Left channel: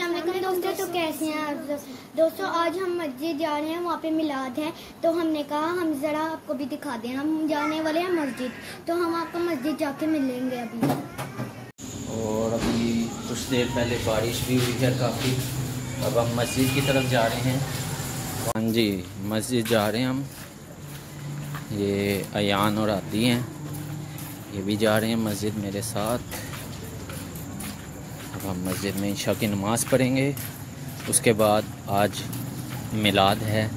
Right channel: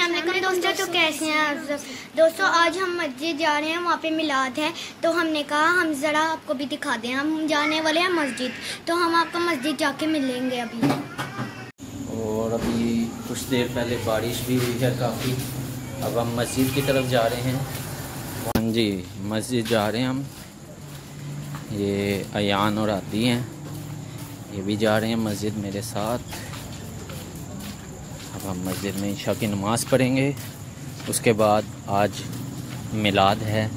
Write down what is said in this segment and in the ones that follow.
अस्सलाम वालेकुम दोस्तों। तो कैसे हैं आप सब दोस्तों? आज हम मस्जिद जा रहे हैं, वहाँ पे मिलाद है, तो हमने कहा हम ज़रा आपको भी दिखा दें। हम जाने वाले हैं मस्जिद, तो हम आपको मस्जिद जाके मिलेंगे अभी। और अभी कुछ देर पहले बारिश भी हुई है काफ़ी। अब हम मस्जिद की तरफ जा रहे हैं। हाँ जी, मस्जिद जा रहे हैं हम। ये अयान और आती हैं, ये भी जा रहे हैं मस्जिद मेरे साथ। अब हम मस्जिद में इशा की नमाज़ पढ़ेंगे, उसके बाद आज मिलाद है।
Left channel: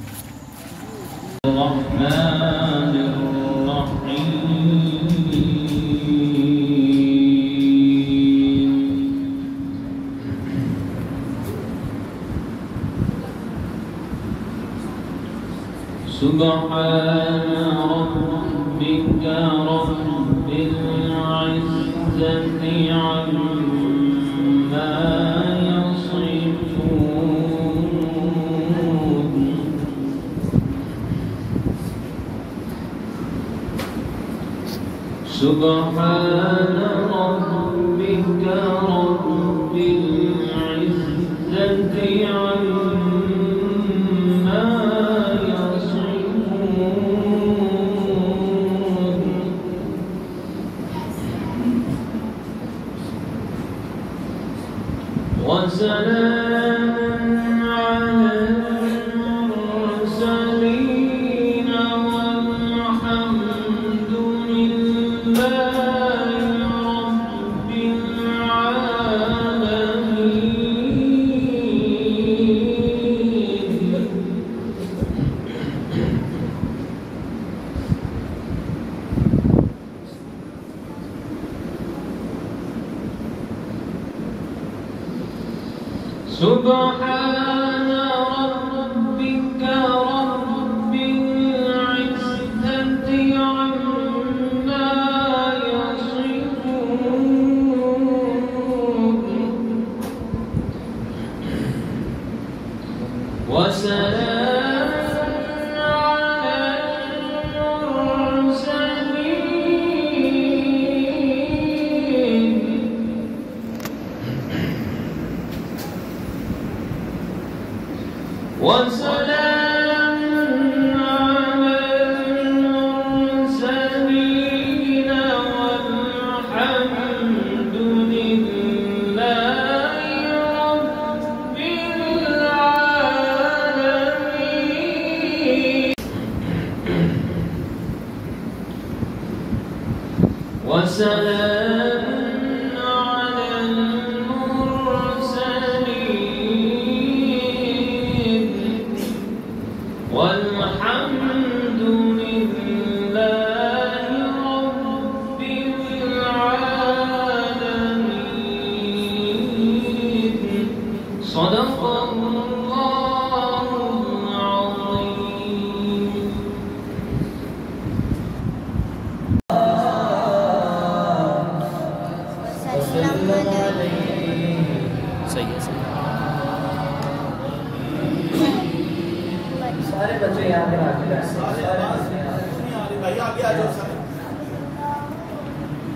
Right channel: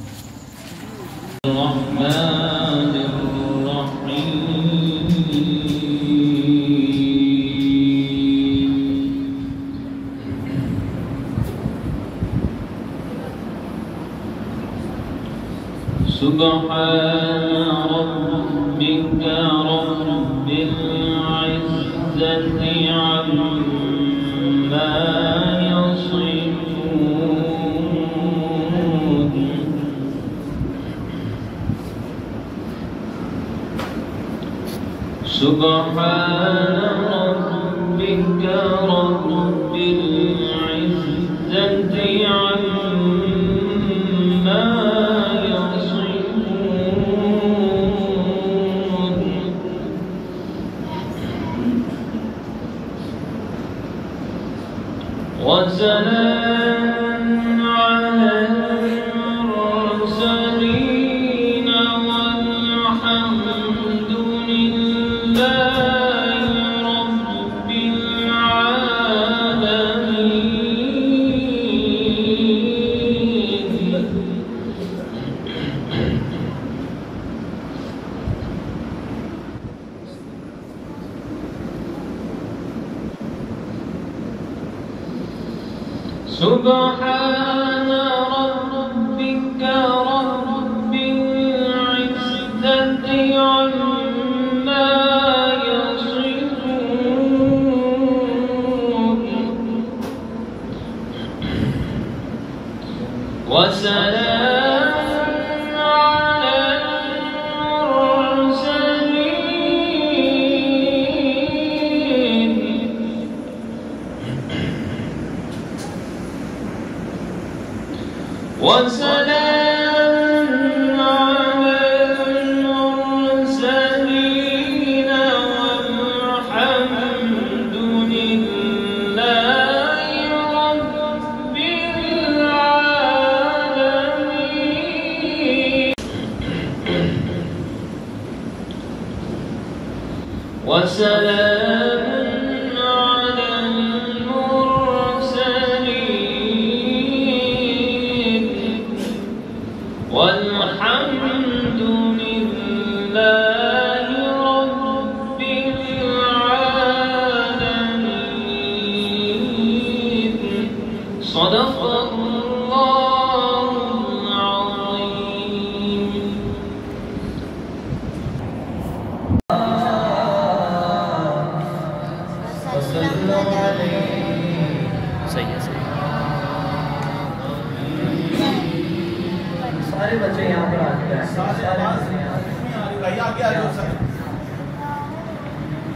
सारे बच्चे यहाँ पर आ गए,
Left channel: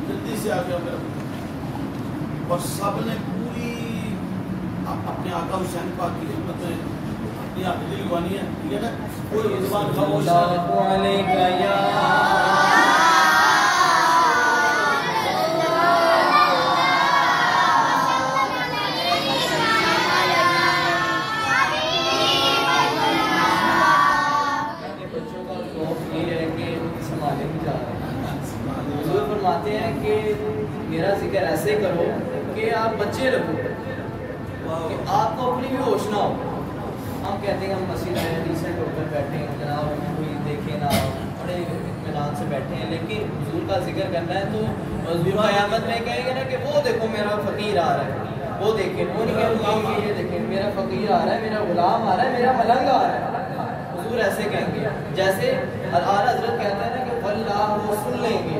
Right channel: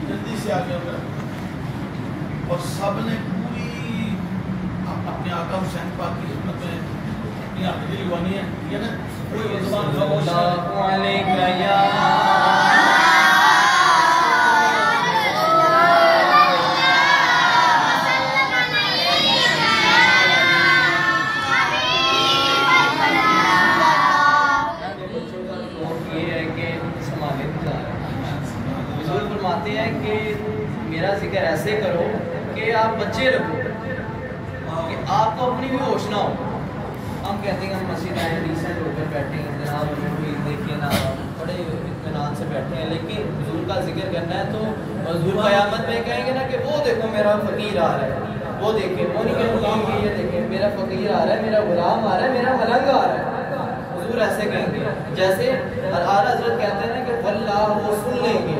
जल्दी से आ गया। और सब ने पूरी अपने आका हुसैन पाक की खिदमत में अपनी आदत लिखवानी है, ठीक है ना? कोई जुबान फरमाते हैं कि मेरा जिक्र ऐसे करो कि आप बच्चे रखो, कि आपको अपनी भी होश ना हो। हम कहते हैं हम मस्जिद आए रिसेंट होकर बैठे हैं, जनाब कोई देखे ना, बड़े इत्मीनान से बैठे हैं, लेकिन हुजूर का जिक्र करना है तो हुजूर क़यामत में कहेंगे ना कि वो देखो मेरा फ़कीर आ रहा है, वो देखें, वो नहीं कहेंगे ये देखें मेरा फ़कीर आ रहा है, मेरा गुलाम आ रहा है, मेरा मलंग आ रहा है। हुजूर ऐसे कहेंगे, जैसे आला हज़रत कहते हैं ना कि वल्लाह वो सुन लेंगे,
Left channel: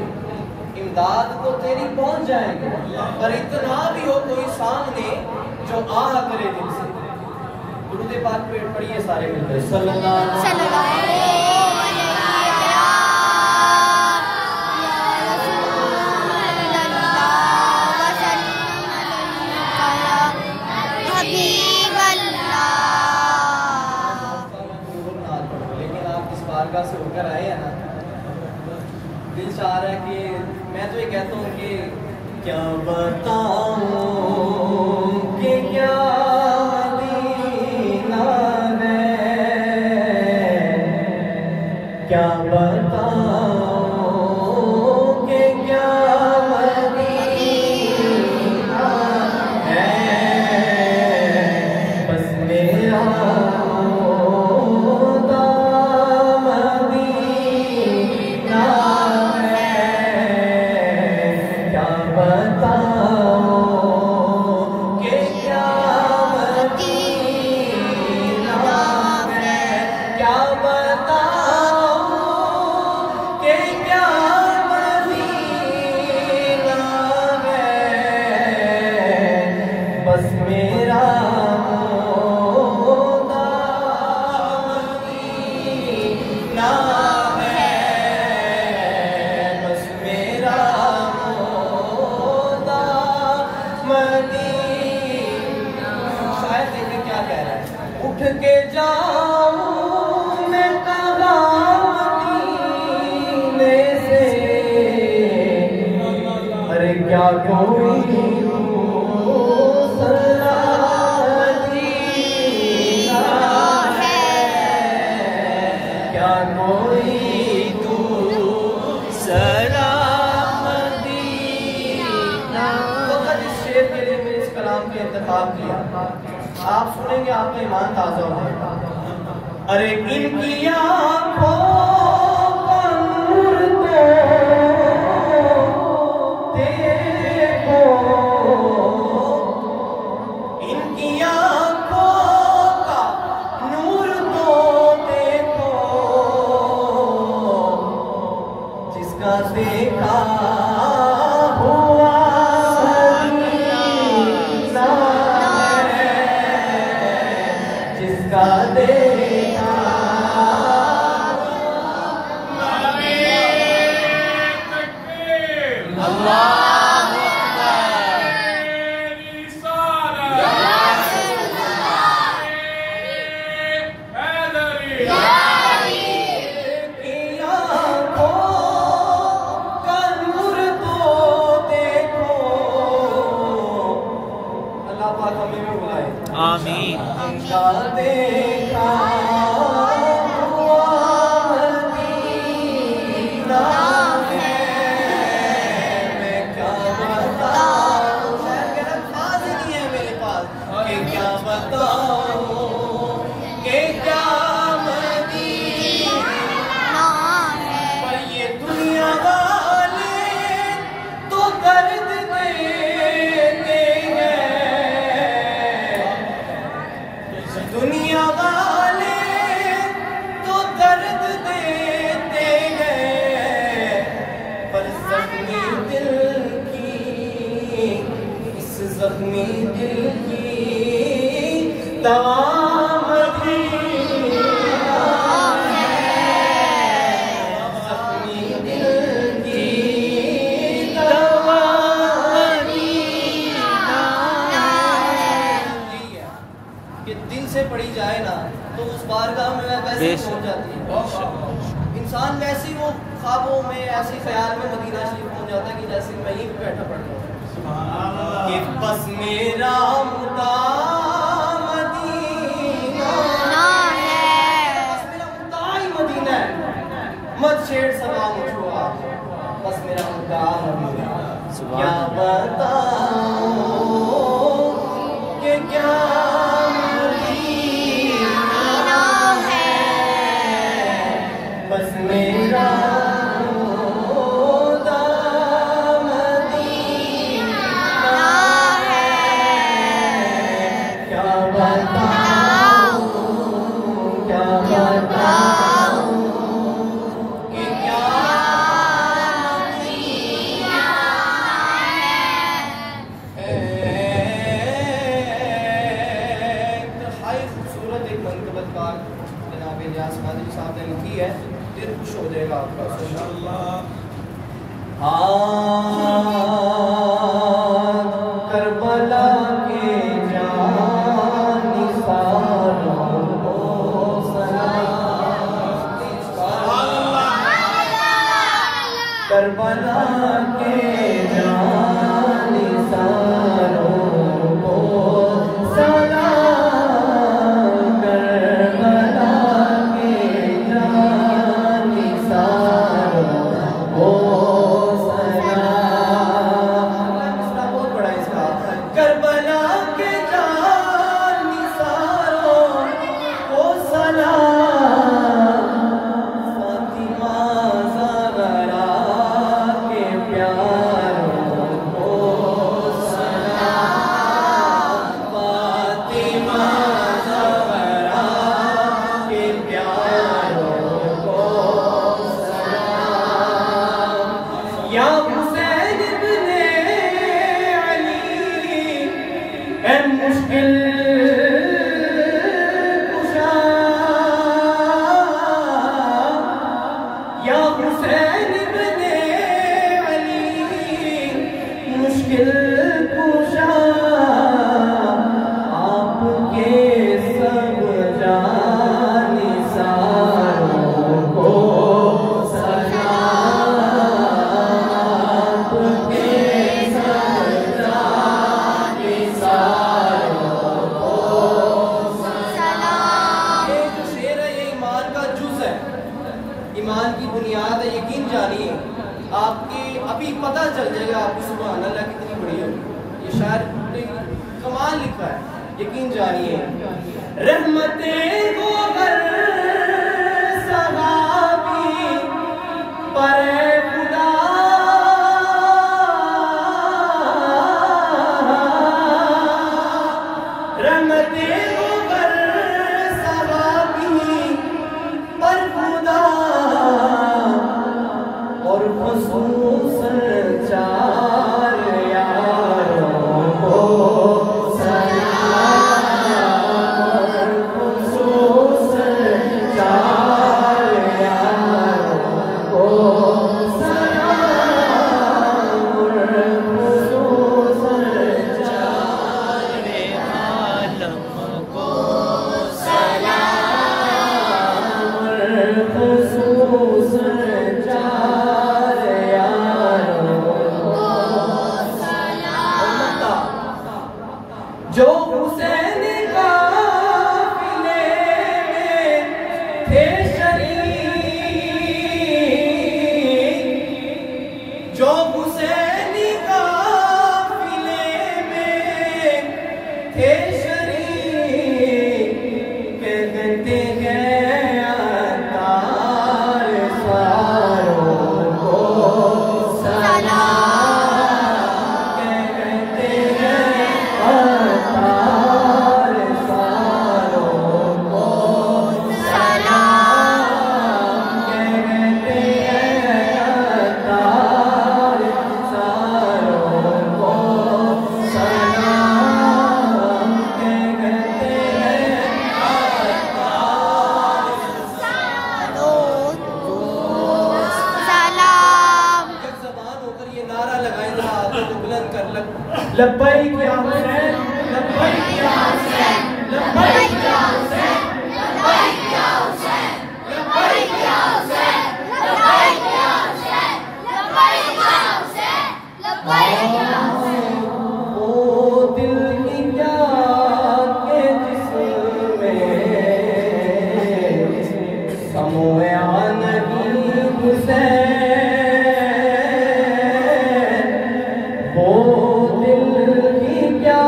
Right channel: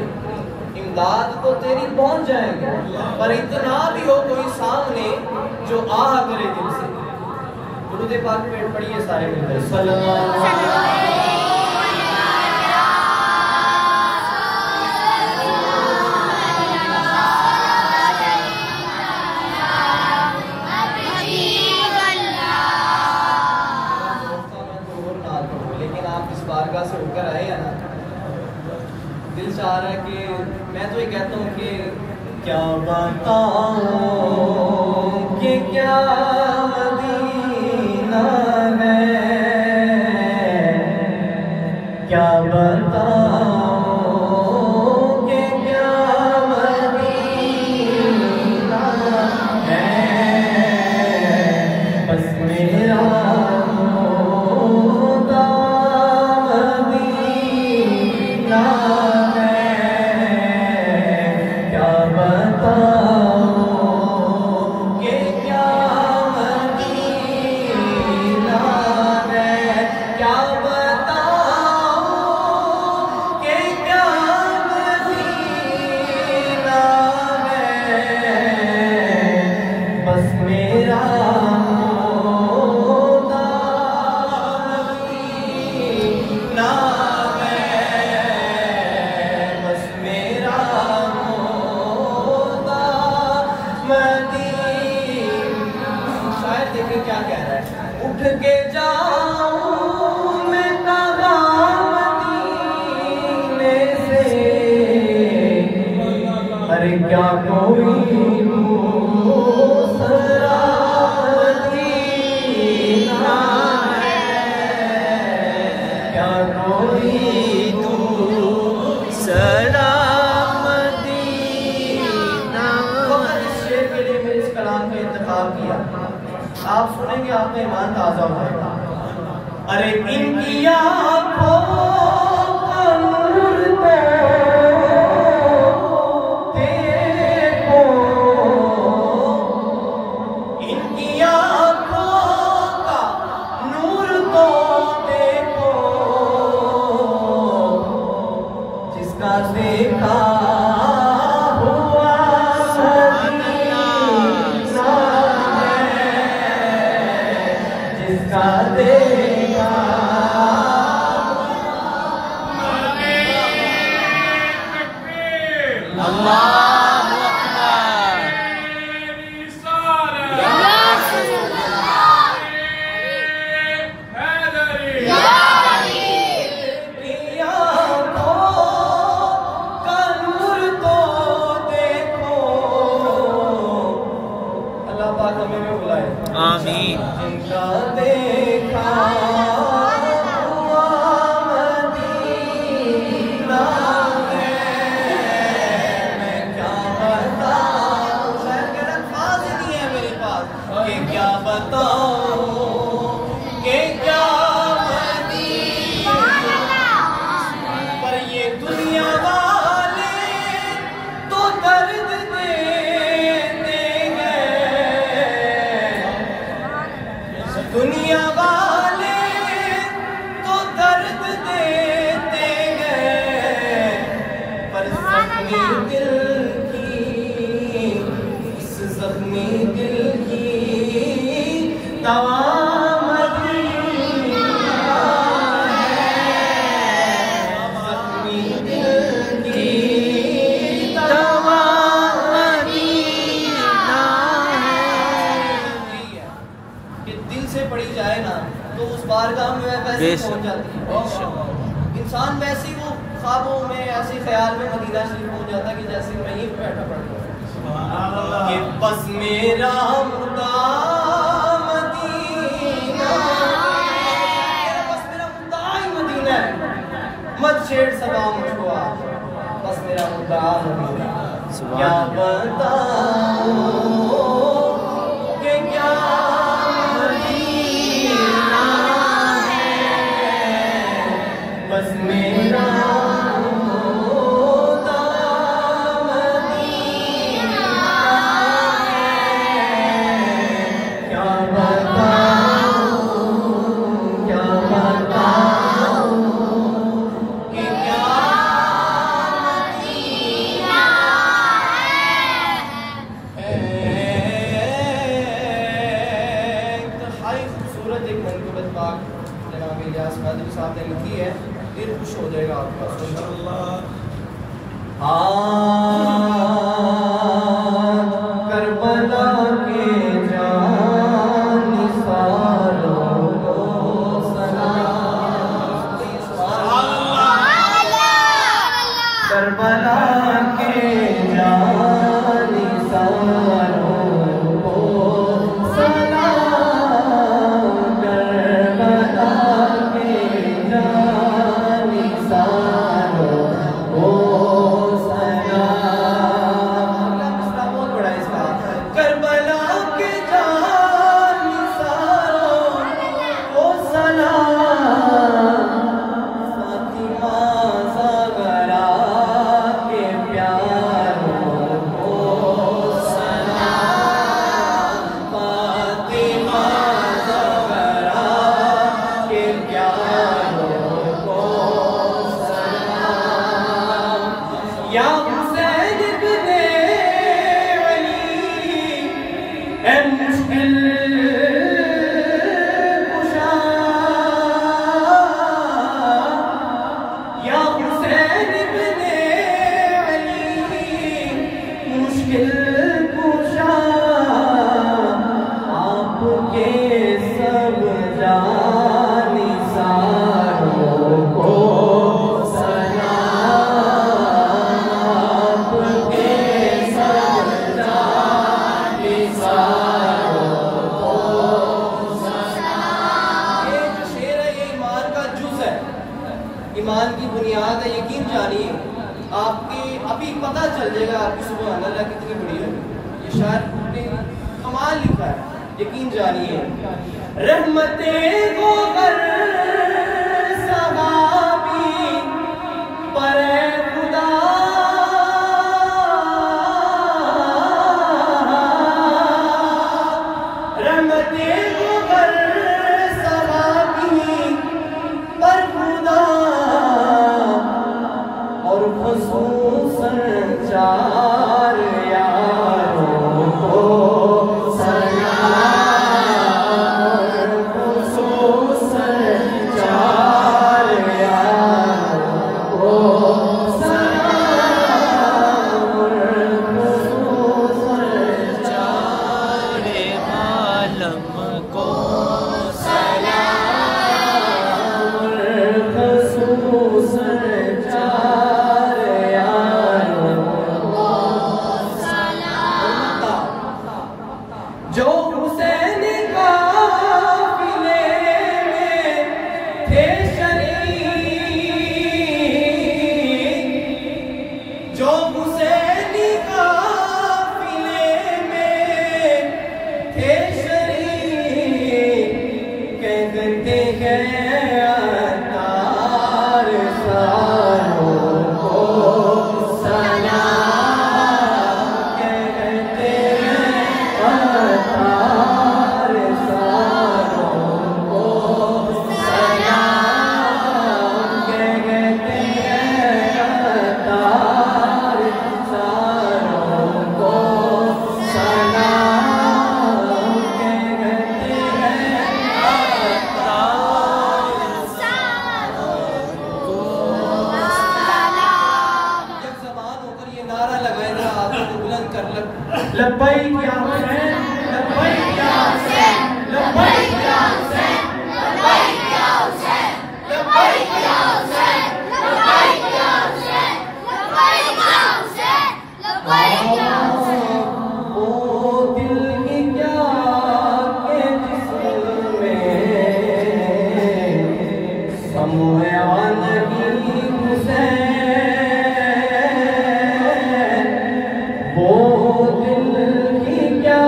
इमदाद को तेरी पहुंच जाएंगे, पर इतना भी हो कोई सामने जो आह करे दिल से। दुरूद पाक पे पढ़िए सारे मिलकर सल्लल्लाहु अलैहि वसल्लम। चाह रहा है कि मैं तो ये कहता हूँ कि क्या बताऊं कि क्या मदीना है, क्या बताऊं कि क्या मदीना है, बस मेरा उठ के जाऊं मैं मदीने से, अरे क्या कोई मदीना है, क्या कोई दूसरा मदीना। इस शेर के लिए मैंने इस कलाम का इंतखाब किया, आप सुनेंगे आपका ईमान ताजा हो जाएगा। अरे इनकी आँखों का नूर तो देखो, इनकी आँखों का नूर तो देखो, जिसका देखा आमीन। इनका देखा हुआ मदीना है, मैं क्या बताऊं, शायद मेरा अल्फाज़ ही नहीं है मेरे पास कि क्या बताऊं कि क्या मदीना, पर ये दुनिया वाले तो दर्द देते हैं, दुनिया वाले तो दर्द देते हैं, पर जख्मी दिल की, इस जख्मी दिल की दवा मदीना है, जख्मी दिल की दवा मदीना है। कि दिल से पढ़ी जाए ना तो उस बारगाह में वैसे पहुंच जाती है इंसान, वैसे वो ख्वाबों में ऐसे ख्याल में मदीना शरीफ पहुंच जाता है कि जैसे मैं ही बैठा पढ़ता हूँ कि बस मेरा मुद्दा मदीना है, बस मेरा मुद्दा ही मदीना है, मत छेड़ सका मुझको आप, बस मेरा मुद्दा मदीना। क्या बताऊं कि क्या बस मेरा मुद्दा मदीना है, क्या बताऊं कि क्या मदीना है। इंतहाई खूबसूरत एक मनक़बत पाक जनाब इलियास कादरी साहब ने लिखी है, दिल खुश हो जाएगा आपका इंशाअल्लाह। करबला के जानिसारों को सलाम, करबला के जानिसारों को सलाम, करबला के जानिसारों को सलाम। बहुत बड़ा है इसका। करबला के जानिसारों को सलाम, फातिमा ज़हरा के प्यारों को सलाम, फातिमा ज़हरा के प्यारों को सलाम। या हुसैन इब्ने अली ए मुश्किल कुशा, या हुसैन इब्ने अली मुश्किल कुशा, आपके सब जानिसारों को सलाम, आपके सब जानिसारों को सलाम। ये जो शेर है ये ईमान का जुज़ है, ईमान की बुनियाद है। यकीन जानिए आपकी अभी पता चल जाएगा आपकी सुभान अल्लाह कितनी बड़ी है। ये शायर ने कमाल लिखा है, यकीन जानिए। रहमते वो गर सहाबी पर खुदा, रहमते वो गर सहाबी पर खुदा, और खुसूसन चार यारों को सलाम, खुसूसन चार यारों को सलाम, खुसूसन चार आलम को सलाम, खुसूसन चार यारों को सलाम। जो हुसैन काफिले में थे शरीक, जो हुसैन काफिले में थे शरीक, कहते हैं अतार सारों को सलाम, कहते हैं अतार सारों को सलाम, कहते हैं अतार सारों को सलाम, कहते हैं अतार सारों को सलाम। एक ज़बान होकर ये नारा लगाए जरा आवाज़ को बुलंद कर लब्बैक या हुसैन, लब्बैक या हुसैन, लब्बैक या हुसैन, लब्बैक या हुसैन, लब्बैक या हुसैन, लब्बैक या हुसैन, लब्बैक या हुसैन, लब्बैक या हुसैन। ओ दिल की क्या के जिस्म में समोया नहीं हुसैन, वो दिल की क्या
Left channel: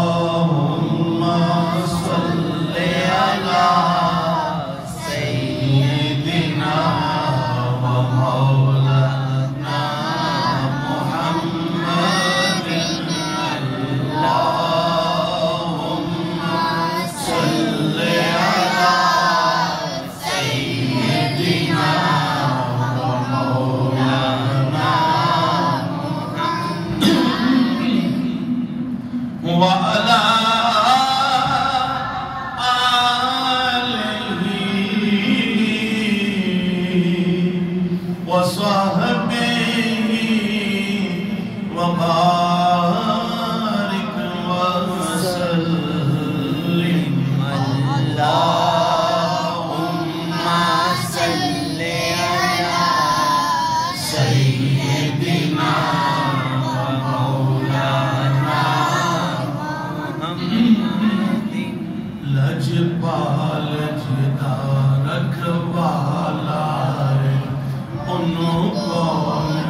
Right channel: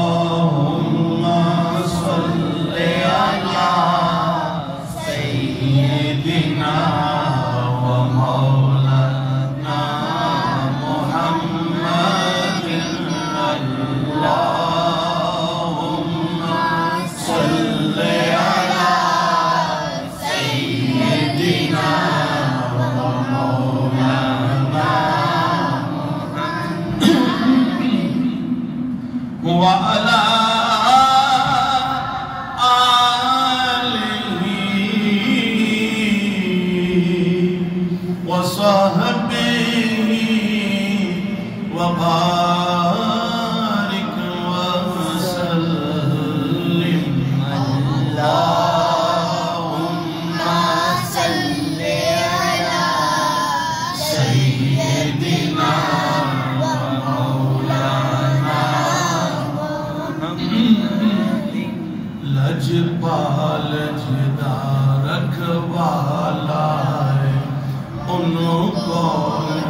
अल्लाहुम्मा सल्ली अला सय्यिदिना व मौलाना मुहम्मदिन अल्लाहुम्मा सल्ली अला सय्यिदिना व मौलाना व अला वसहबिही वबारिक वसल्लिम अल्लाहुम्मा सल्ली अला सय्यिदिना व मौलाना मुहम्मदिन लजपाल जिदा रखवाला उनको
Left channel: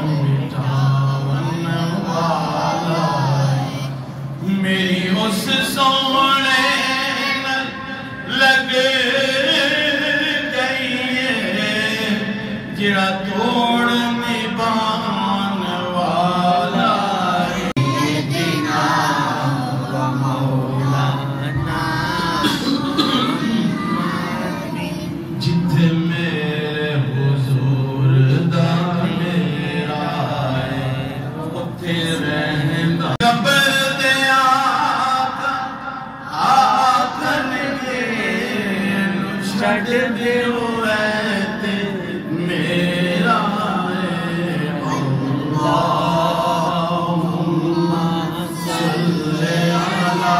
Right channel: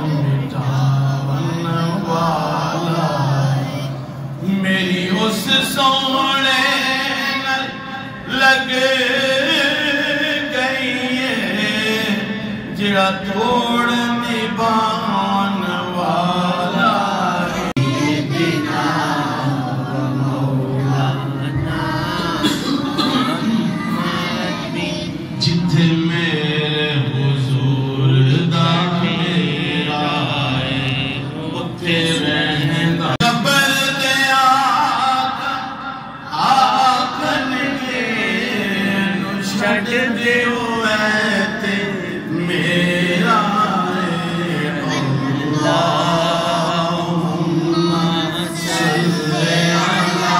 मिटावन वाला मेरी उस सोने लग गई है जिरा तोड़ निभावन वाला जिथे मेरे हुजूर दा मेरा है उत्थे रहंदा कब्र दे आखनगे नु छड़ दियो ऐ ते मेरा है अल्लाहुम्मा सल्ली अला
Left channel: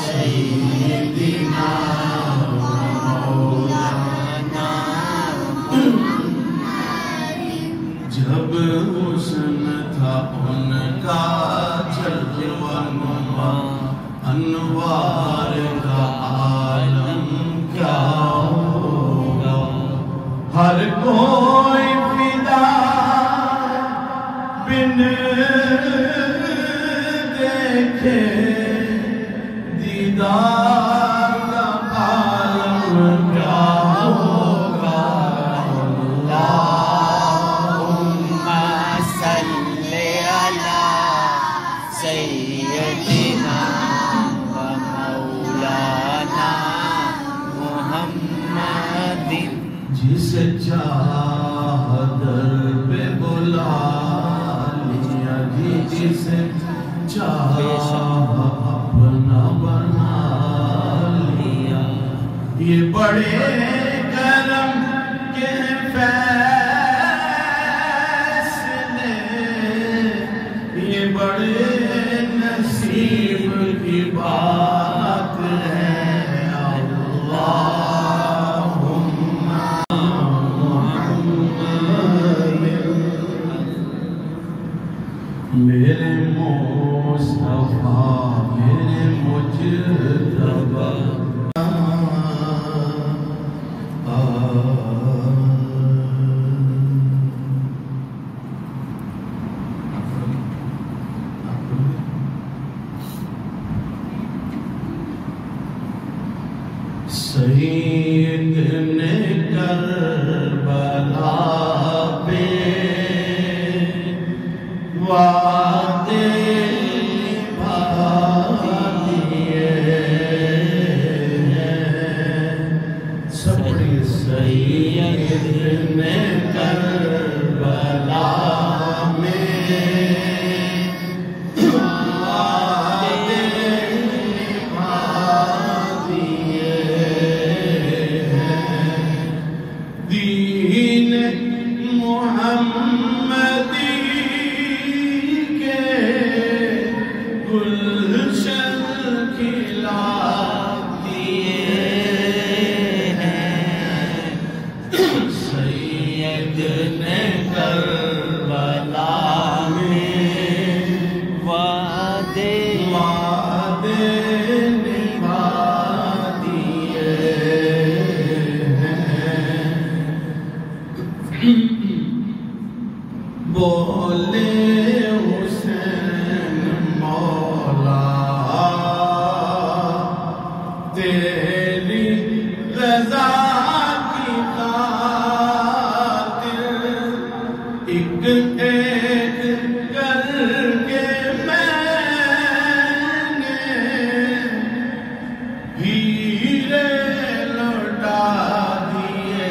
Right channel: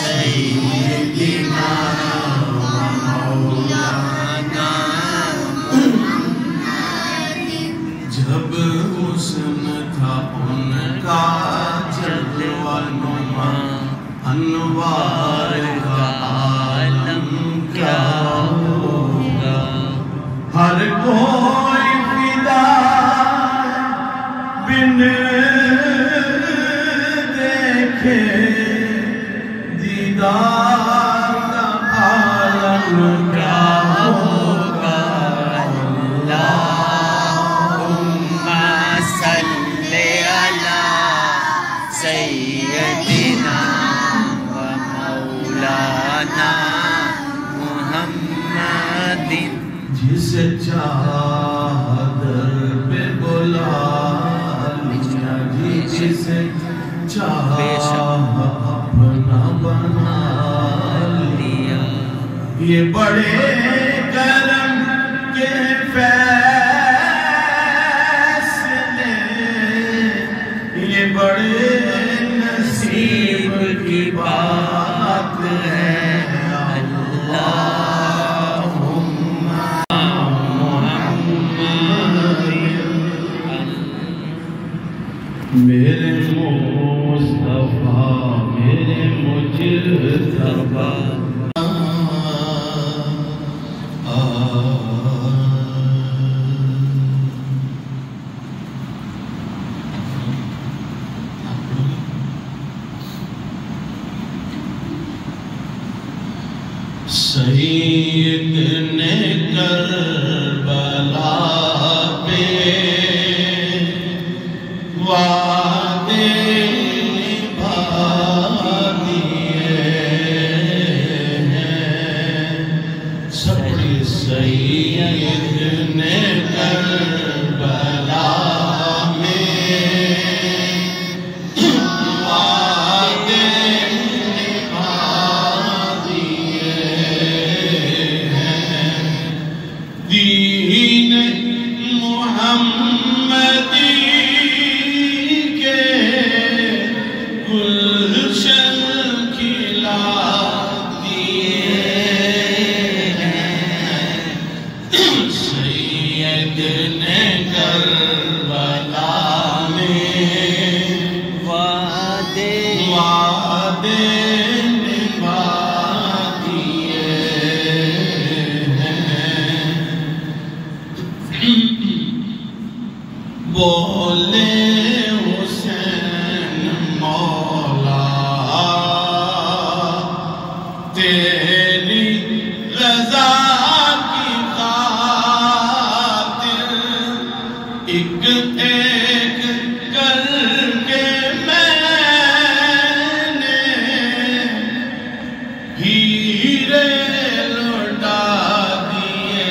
सय्यिदिना जब हुस्न था उनका जलवा नुमा अनवार का आलम क्या होगा हर कोई फिदा बिन देखे दीदार का आलम क्या होगा सल्ले अला सय्यदिना व मौलाना मुहम्मदिन जिसे चाह दर पे बुला लिया जिसे चाह अपना बना लिया ये बड़े करम के फैसले ये बड़े नसीब की बात है अल्लाहुम्मा मेरे मुस्तफा मेरे मुजतबा सईद ने करबला पे वादे निभा दिए हैं सबके सईद ने करबला में वादे निभा दिए दीन मोहम्मद तेरी रजा की खातिर एक एक करके मैंने हीरे लौटा दिए।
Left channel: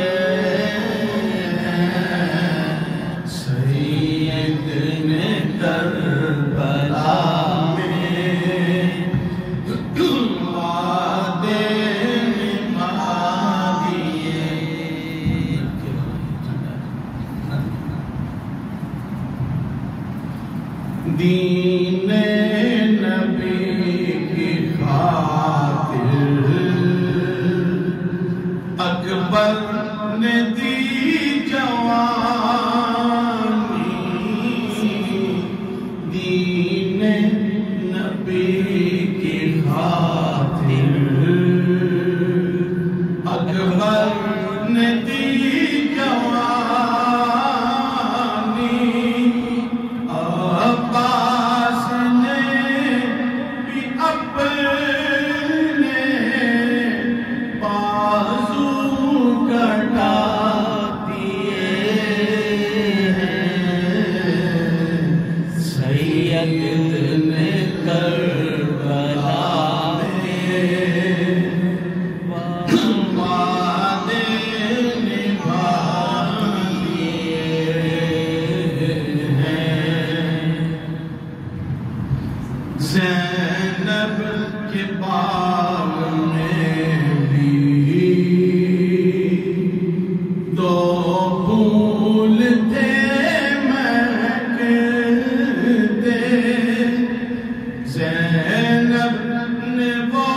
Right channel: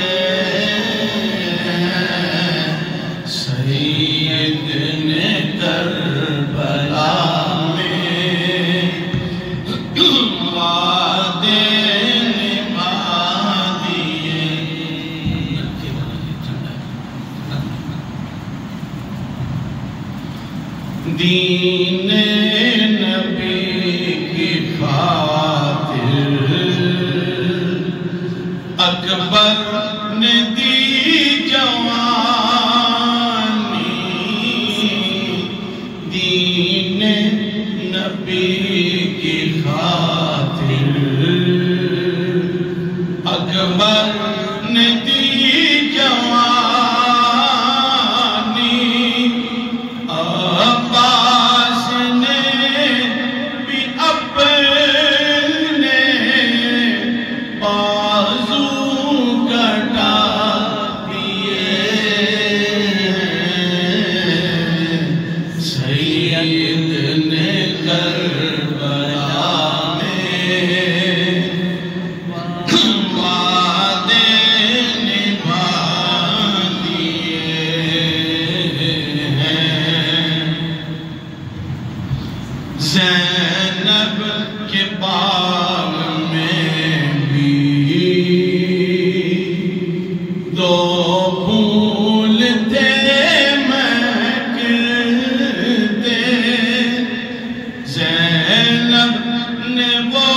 सैयद ने करबला में वादे निभा दिए। दीने नबी की खातिर अकबर ने दी जवानी। दीने नबी की खातिर अकबर ने दी जवानी। अब्बास ने भी अपने बाजू कटा दिए। सैयद ने करबला में वादे निभा दिए हैं। ज़ैनब के बाग में भी दो फूल थे महकते। ज़ैनब ने वो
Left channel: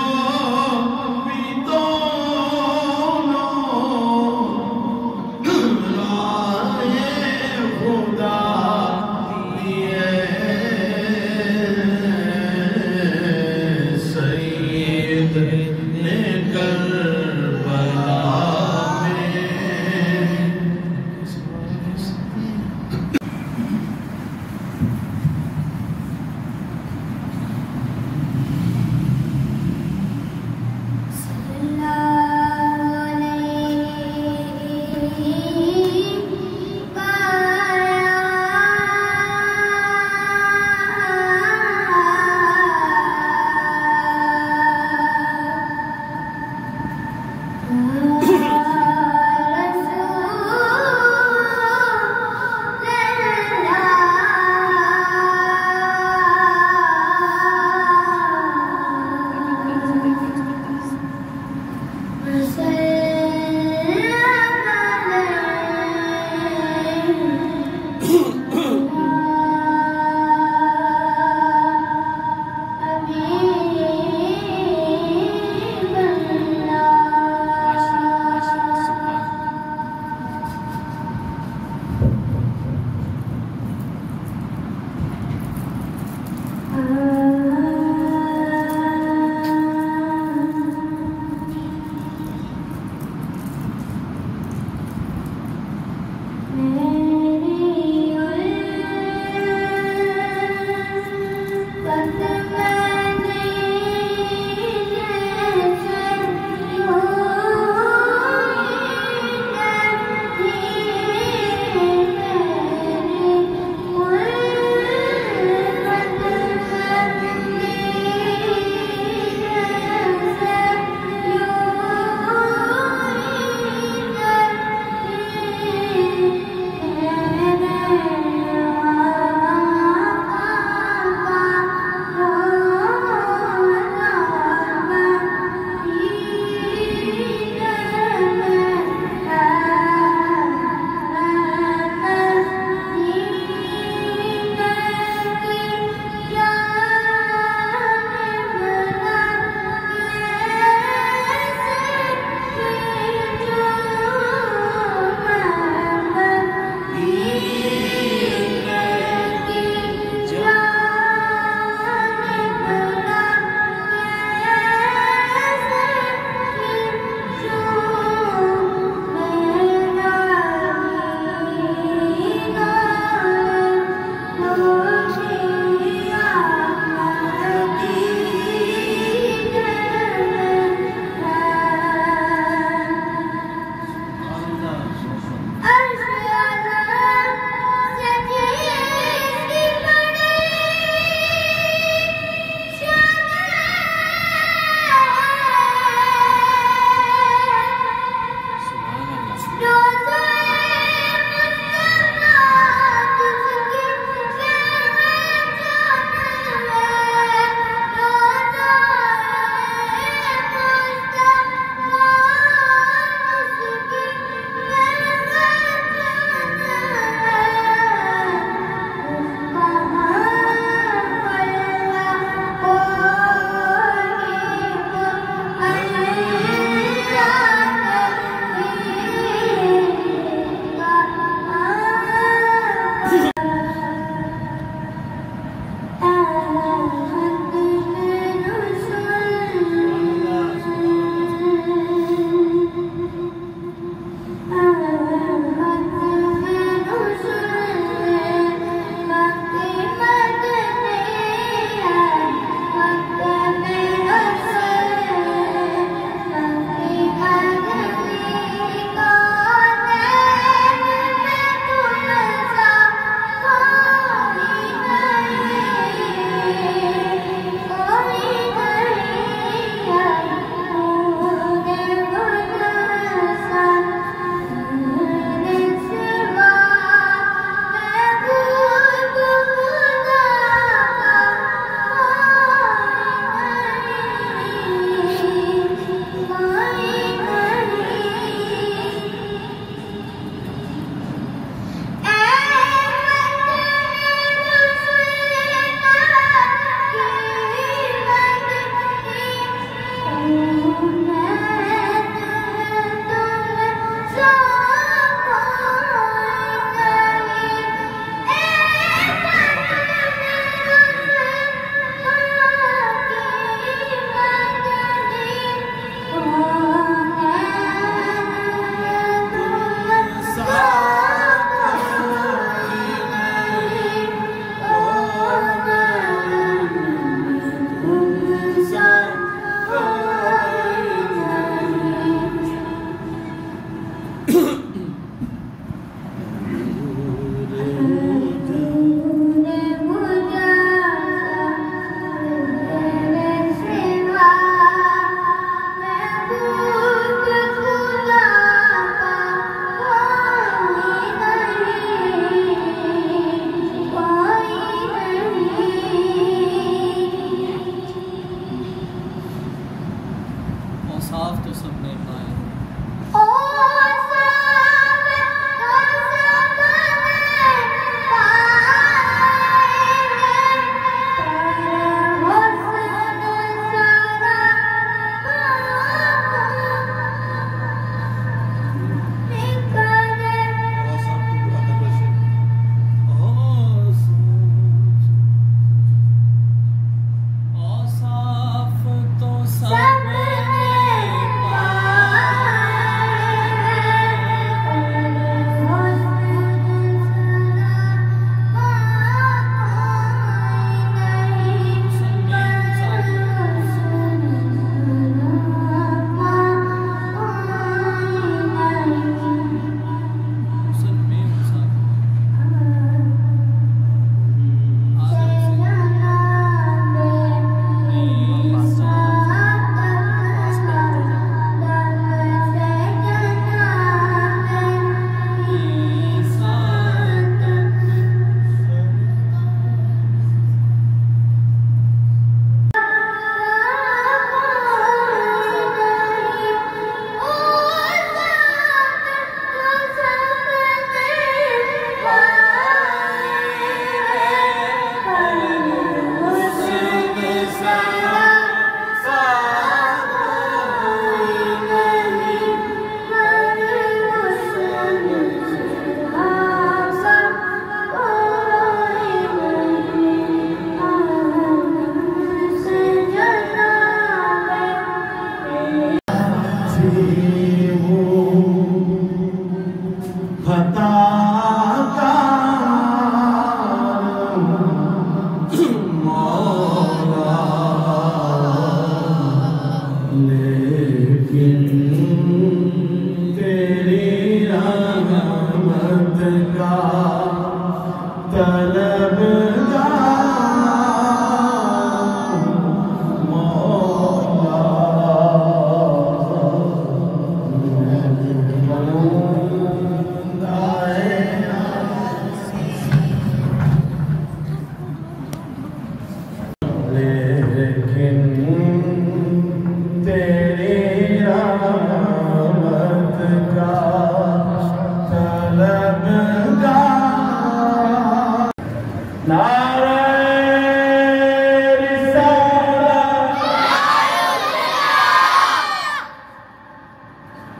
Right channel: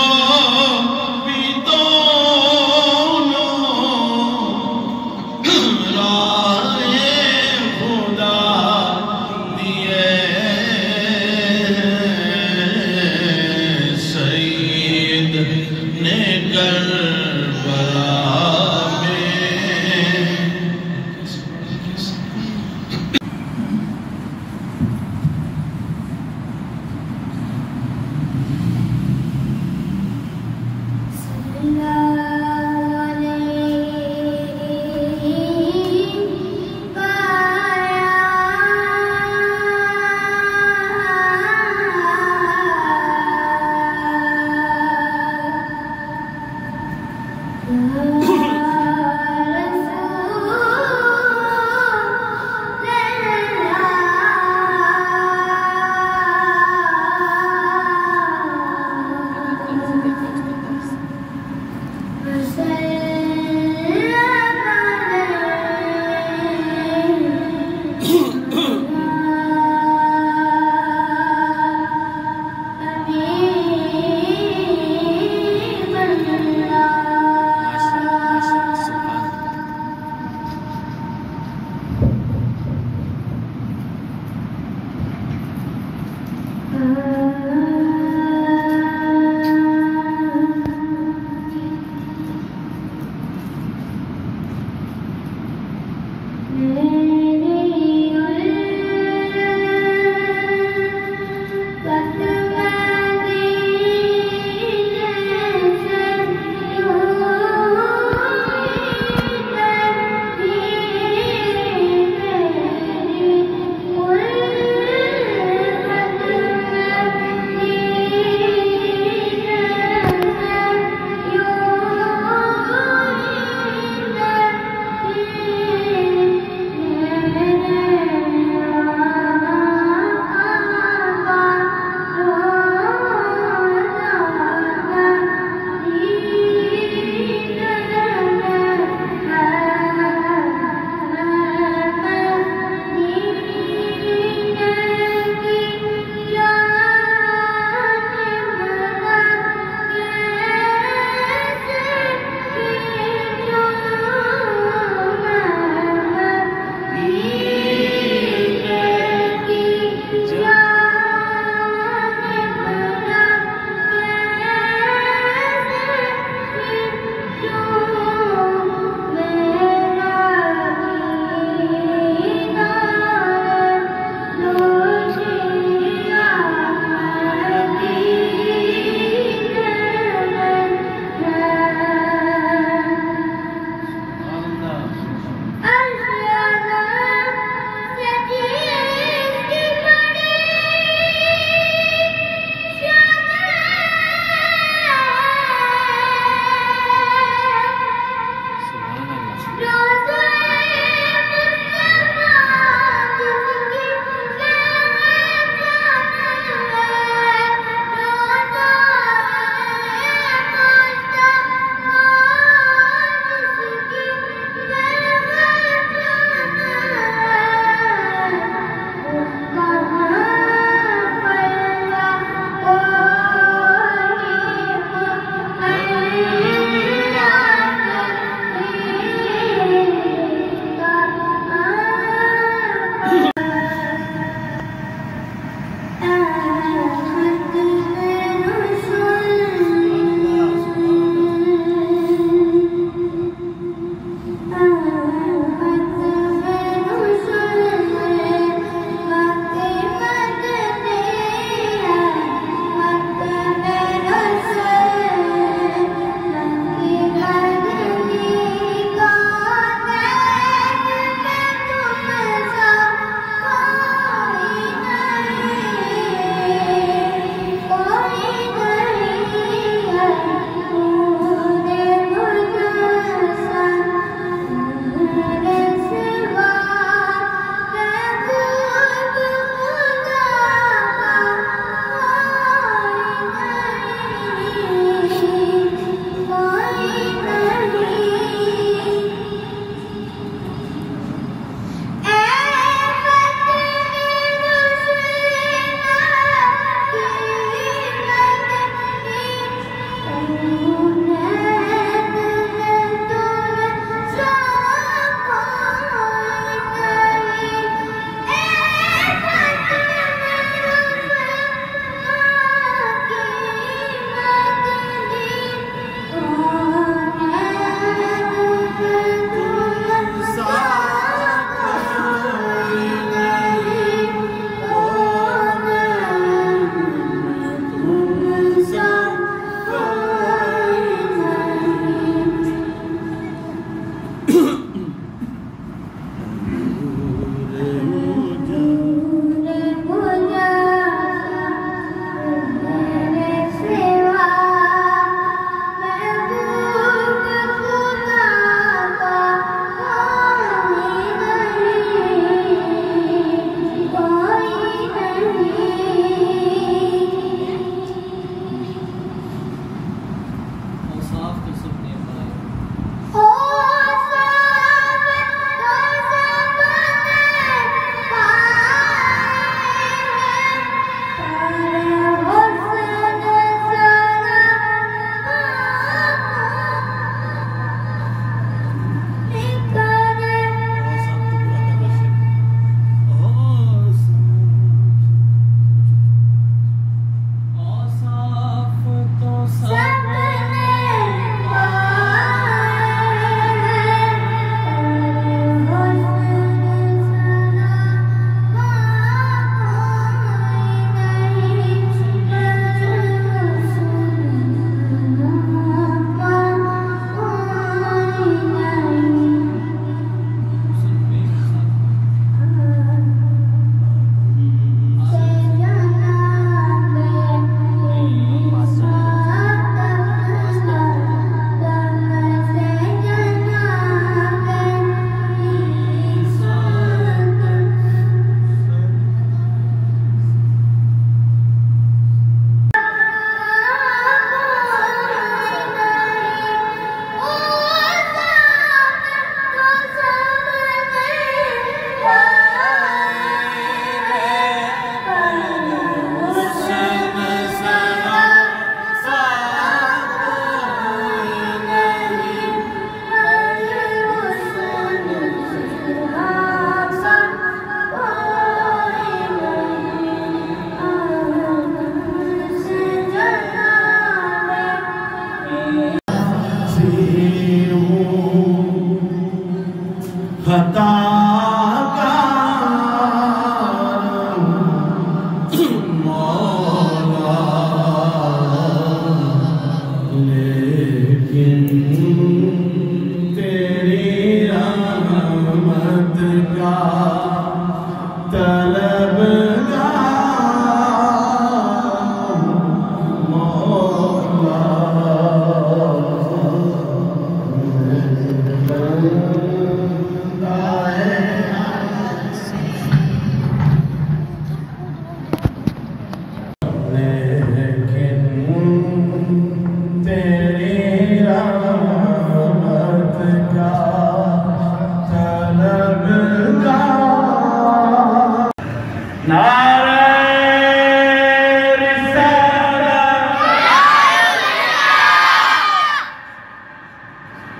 भी दोनों राहे खुदा दिए। सैयद ने करबला में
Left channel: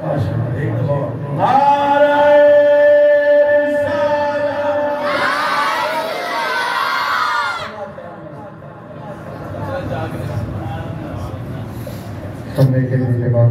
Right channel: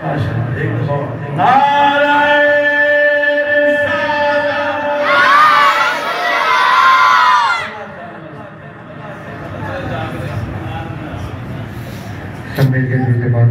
माशाअल्लाह, एक दफा नारे सब मिलके मिलके बात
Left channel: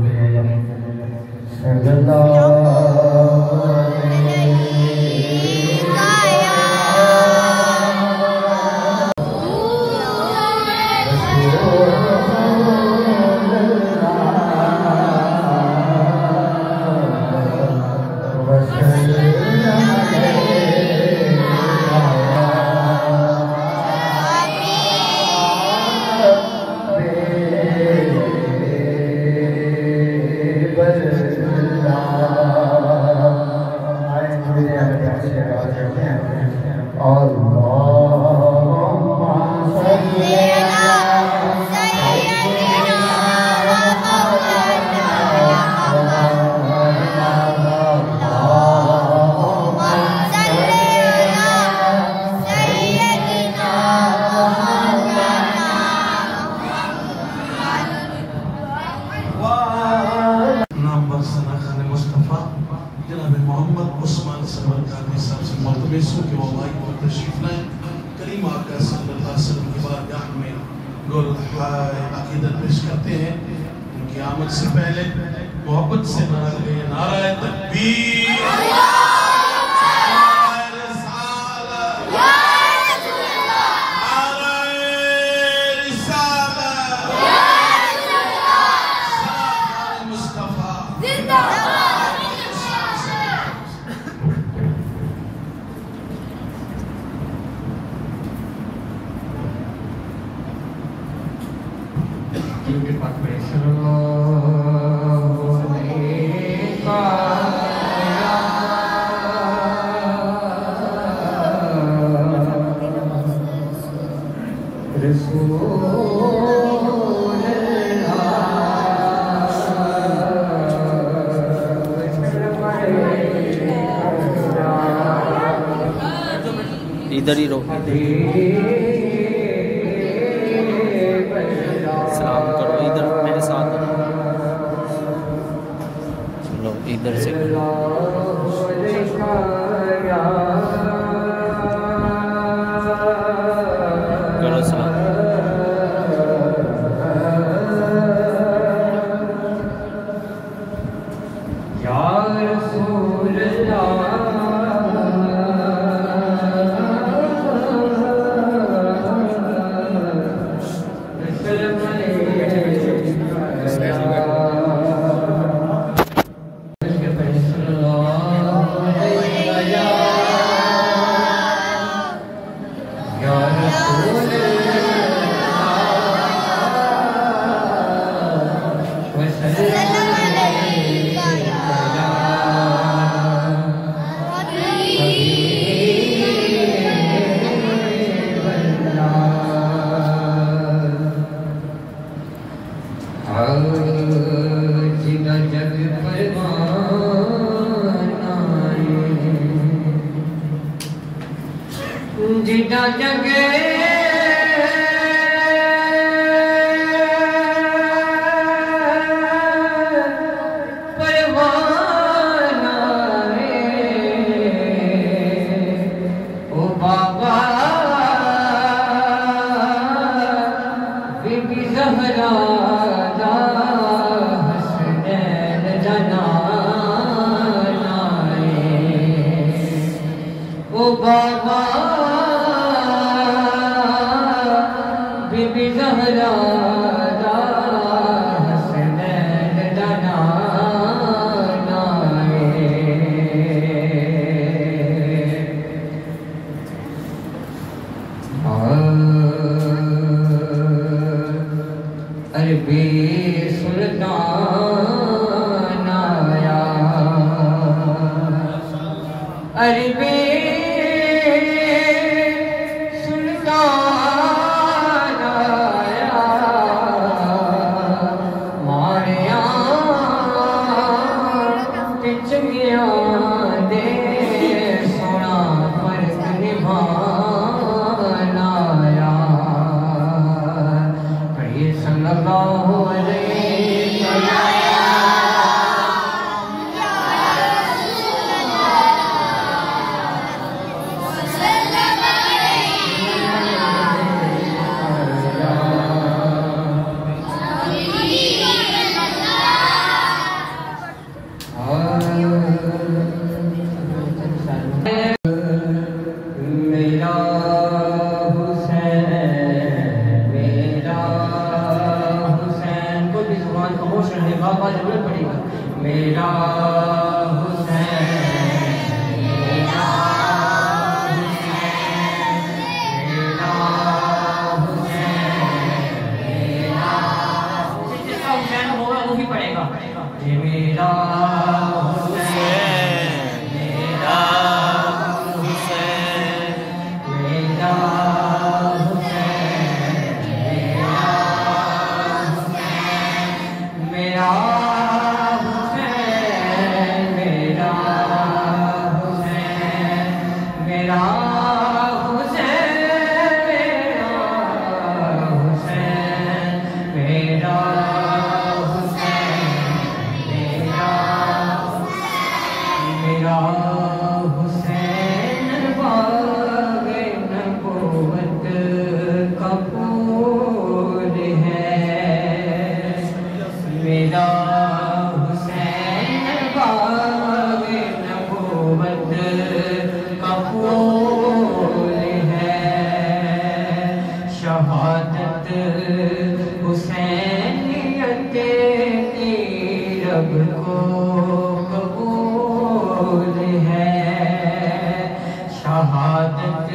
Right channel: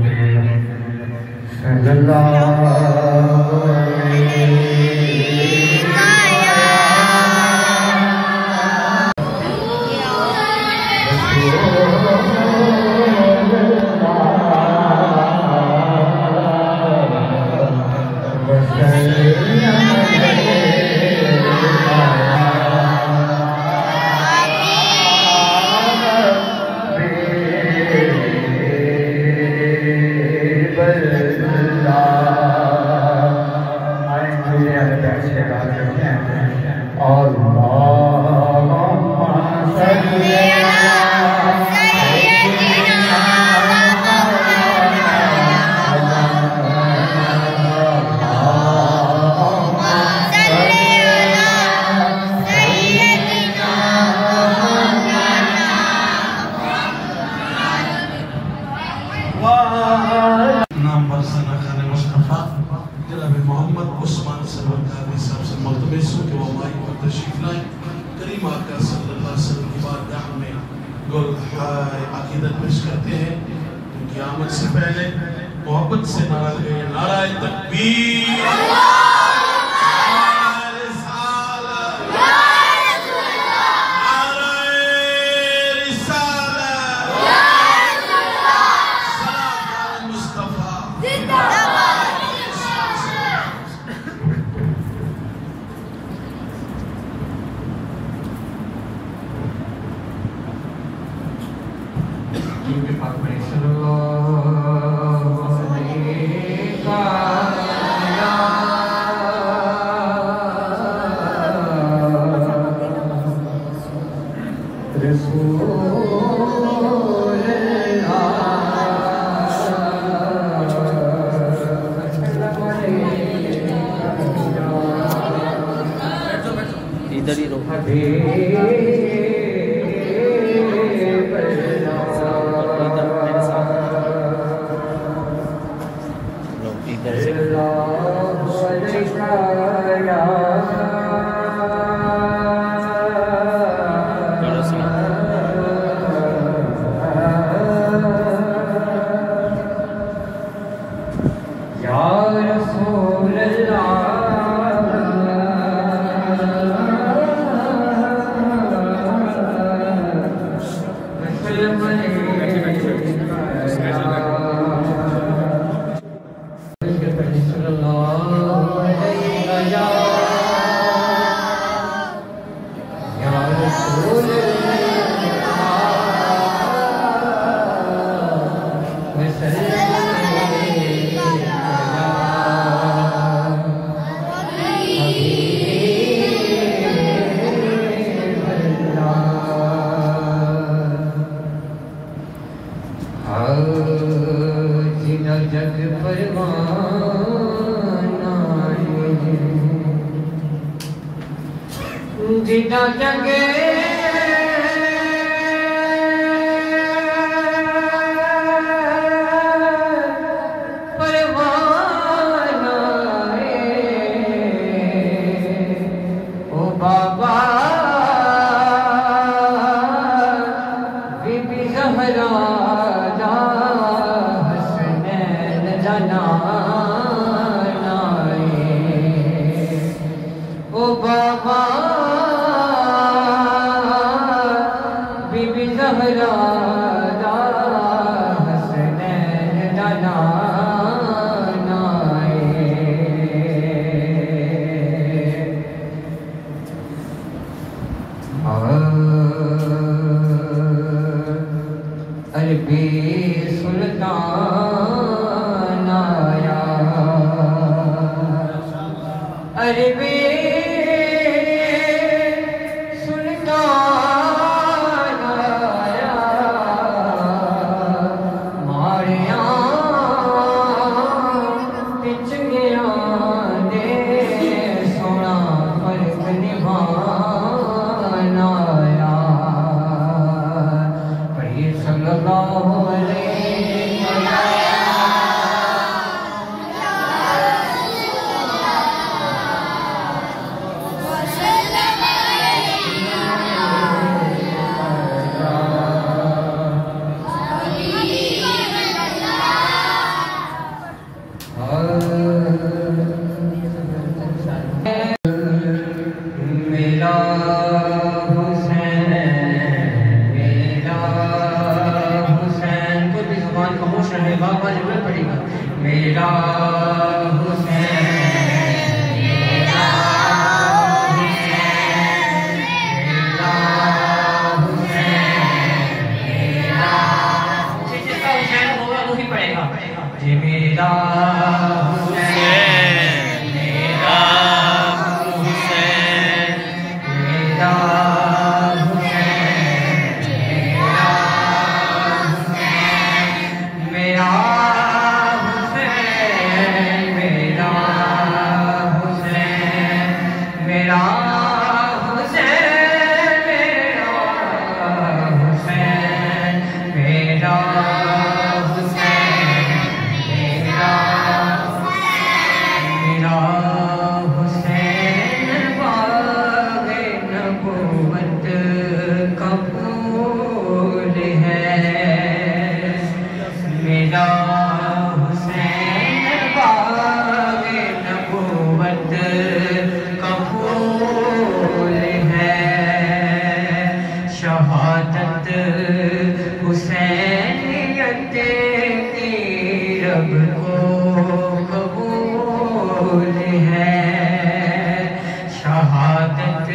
अकीदत पेश करते हैं। उनकी आमद से पहले मोहब्बत से नारा लगे, नाराए तकबीर, नाराए रिसालत, नाराए रिसालत, सलाम मुस्तफा जिंदाबाद। क्योंकि फातिमा सल्लल्लाहु अलैहि इधर ही रहो, सलाम करो इधर मेरे साथ, लोग इधर से करो सलाम। या रसूल अल्लाह जिदा जगे परवाना ओ बाबा बीबी ज़हरा दा हसनैन दा नाना ओ बाबा बीबी ज़हरा दा हसनैन दा नाना अरबी सुल्तान आया, अरबी मेरा हुसैन, मेरा हुसैन, मेरा हुसैन, मेरा जिसका हुसैन होगा वही पढ़ेगा। जी मेरा हुसैन, मेरा हुसैन, मेरा हुसैन, मेरा हुसैन, मेरा हुसैन, मेरा हुसैन, मेरा हुसैन, मेरा हुसैन, मेरा हुसैन बाग़े नबूवत का फूल है। मेरा हुसैन बाग़े नबूवत का फूल है। शहादत हुसैनियत की रब को कबूल है। शहादत